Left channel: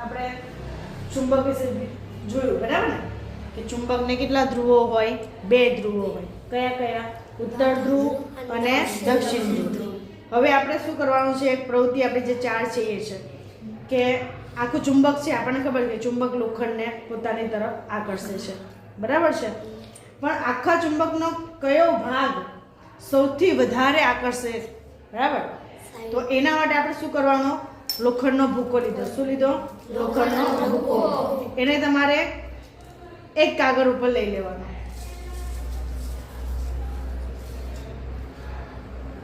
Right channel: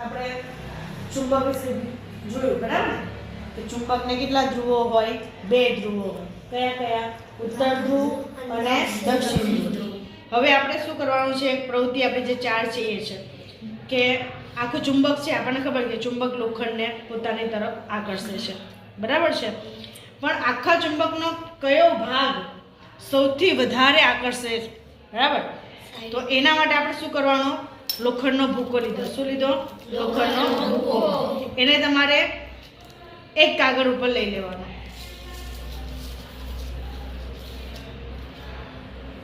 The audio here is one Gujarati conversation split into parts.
આપણે ચુંબક વિશે જોયું, બરાબર ને? કે ચુંબકને કેટલા ધ્રુવો હોય? 2 ધ્રુવો હોય. કયા કયા? ઉત્તર ધ્રુવ અને દક્ષિણ ધ્રુવ. હવે આપણે શું કરવાનું છે? એક પ્રવૃત્તિ આપણે જે 4 છે એ છે કે આખું ચુંબક છે, આપણને ખબર છે ચુંબક લોખંડને પોતાની તરફ આકર્ષે છે, બરાબર છે? પણ આખા ચુંબકનો કયો ભાગ સૌથી વધારે આકર્ષે છે, બરાબર? તો એના માટે આપણે શું કરવાનું? લોખંડનો ભૂકો લીધો. શું લીધો? લોખંડનો ભૂકો. એને તમારે એક કાગળ ઉપર લઈ લેવાનો,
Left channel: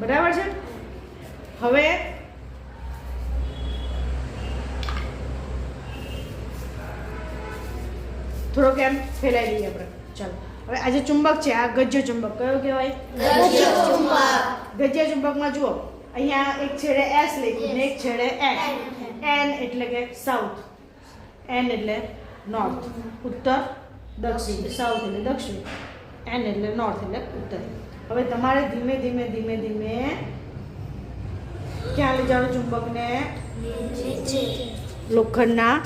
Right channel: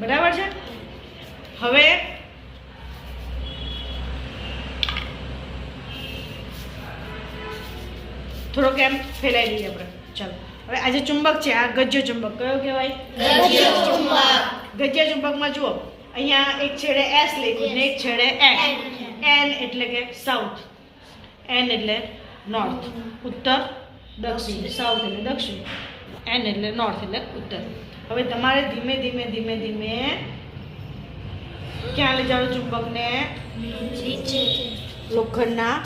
બરાબર છે? હવે થોડોક એમ ફેલાઈ દઈએ આપણે. ચાલો, હવે આ જે ચુંબક છે આ ગજ્ય ચુંબક કયો કહેવાય? ગજ્ય ચુંબક. ગજ્ય ચુંબકમાં જુઓ, અહીંયા એક છેડે S લખ્યું ને એક છેડે N. N એટલે કે સાઉથ, N એટલે નોર્થ, ઉત્તર દક્ષિણ, સાઉથ એટલે દક્ષિણ, N એટલે નોર્થ એટલે ઉત્તર. હવે તમારે ધીમે ધીમે ધીમે ધીમે ક્યાં લઈ જવાનું ચુંબકને? નીચે. લોખંડના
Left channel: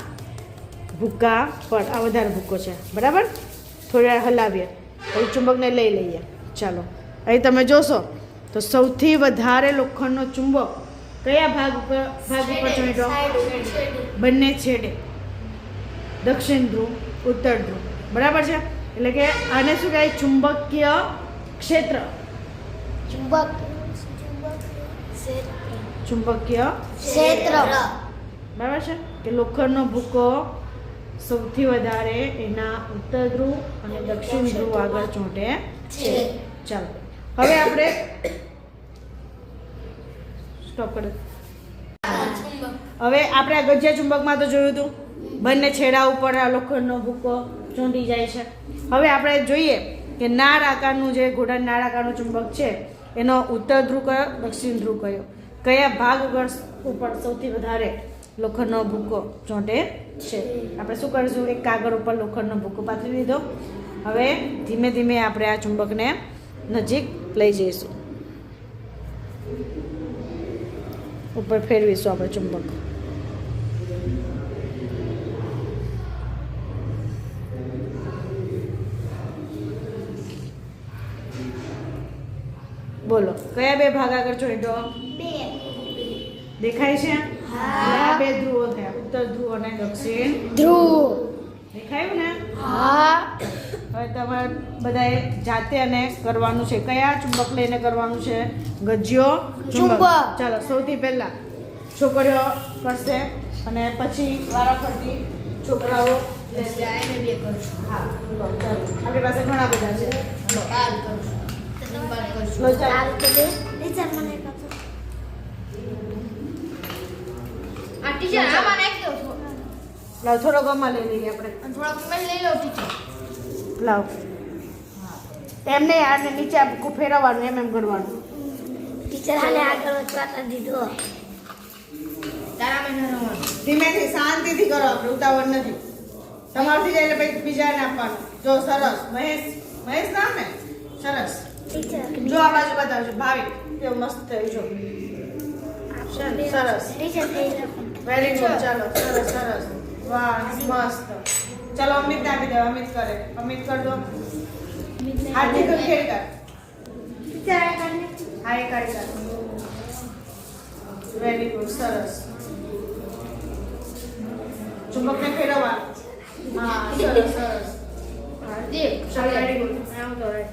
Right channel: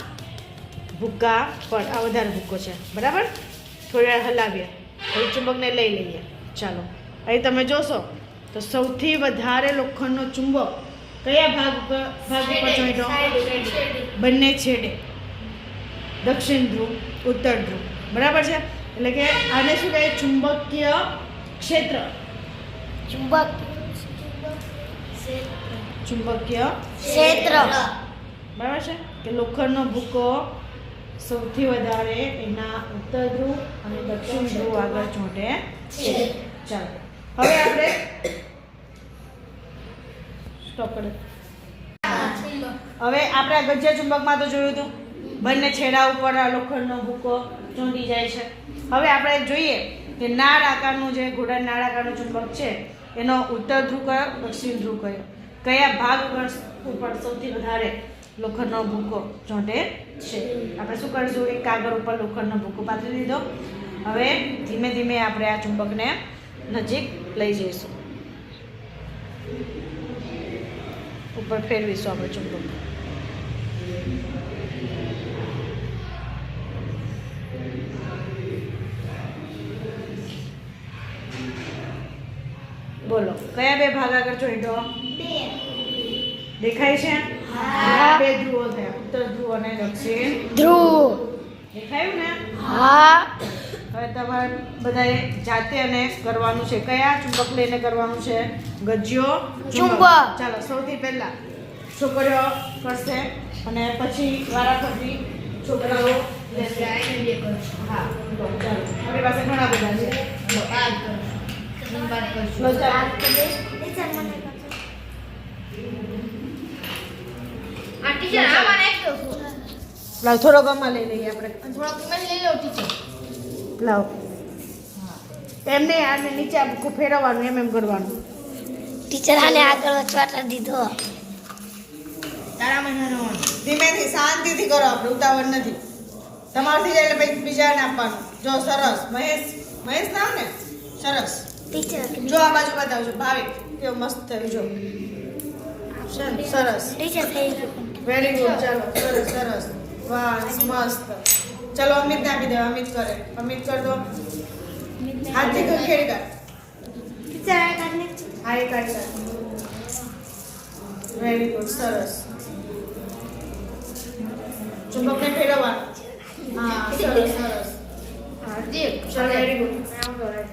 ભૂકા પર. આ વધારે ભૂકો છે, બરાબર? થોડી વાર હલાવીએ, હવે ચુંબકને લઈ લઈએ. ચાલો, અહીં તમે જોશો તો સૌથી વધારે લોખંડનો ચુંબક કયા ભાગ ઉપર ચોંટ્યો? બંને છેડે, દક્ષિણ ધ્રુવ, ઉત્તર ધ્રુવ, બરાબર છે? એટલે કે આને શું કહે? ચુંબકીય ક્ષેત્ર. ચુંબકીય ક્ષેત્ર. બરાબર છે? તો લોખંડનો ભૂકો સૌથી વધારે એના ઉત્તર ધ્રુવ અને દક્ષિણ ધ્રુવ આગળ ચોંટે છે. ચાલો, હવે આપણે સ્ટોપ કરો. હવે આપણે આ ગજ્ય ચુંબકમાં તો જોયું હતું, બંને છેડા ઉપર લોખંડનો ભૂકો ચોંટી જાય છે. હવે આપણે જોઈએ કે નાળ આકારનું જે ઘોડા નાળ આકારનું ચુંબક છે એનો ઉત્તર ધ્રુવ કયો, દક્ષિણ ધ્રુવ કયો, કયા ભાગ ઉપર સૌથી વધારે લોખંડનો ભૂકો ચોંટે છે? આપણે શું કરીશું? એક કાગળ ઉપર લોખંડનો ભૂકો પાથરી દીધો. હવે ધીમે ધીમે આપણે આ ચુંબકને નજીક લઈ જઈશું, ઉપર ફેરવીશું આપણે ચુંબક. બોલો, કયા 2 ભાગ આગળ ચોંટ્યો? દેખાય છે? આ 2 ધ્રુવો થયા, ઉત્તર ધ્રુવ અને દક્ષિણ ધ્રુવ. દેખાયું ને? હા. હવે તમારે બધાએ જાતે અને કરવાનું છે. કયા ચુંબક લઈને કરવાનું છે? ગજ્યો ચુંબક. ચાલો, સૌથી પહેલા છોકરીઓ કરશે અને પછી વારાફરતી છોકરાઓ લેશે. હા, લો, ચાલો. આપણી પાસે ઘણા બધા છે. લો, લો, ચાલો. લાવ, થોડો ગમા લઈ લઈએ આપણે. લાવ. એમને આને નીચે ફેરવવાનું, એમ કરવાનું. ટીચર આને આગળ વચવાટ દીધો. ધીમેથી શાંતિથી કરો, આપણે ઉતાવળ નથી. તમારથી જાય એટલે પછી બીજાને આપવાનું. જો, સરસ. મહેશ નામ ને? સરસ. ટીચર જો આ બાજુ બતાવજો. ભાવિક કેવું મસ્ત થયું. જો સરસ, ટીચર થઈ ગયો. Very good. ચાલો, સરસ સરસ, વાહ, મસ્ત. ચલો, અમિતને આપી દે. અમિત કરે. અમિત કર દો. હાથથી ખેડી કર. ટીચર આ કાઢને. હા, એ કાઢી કાઢ. વેરી ગુડ, સરસ. ચુંબકને ફેરવવાનું. હા, સરસ સરસ. હા, વેરી ગુડ.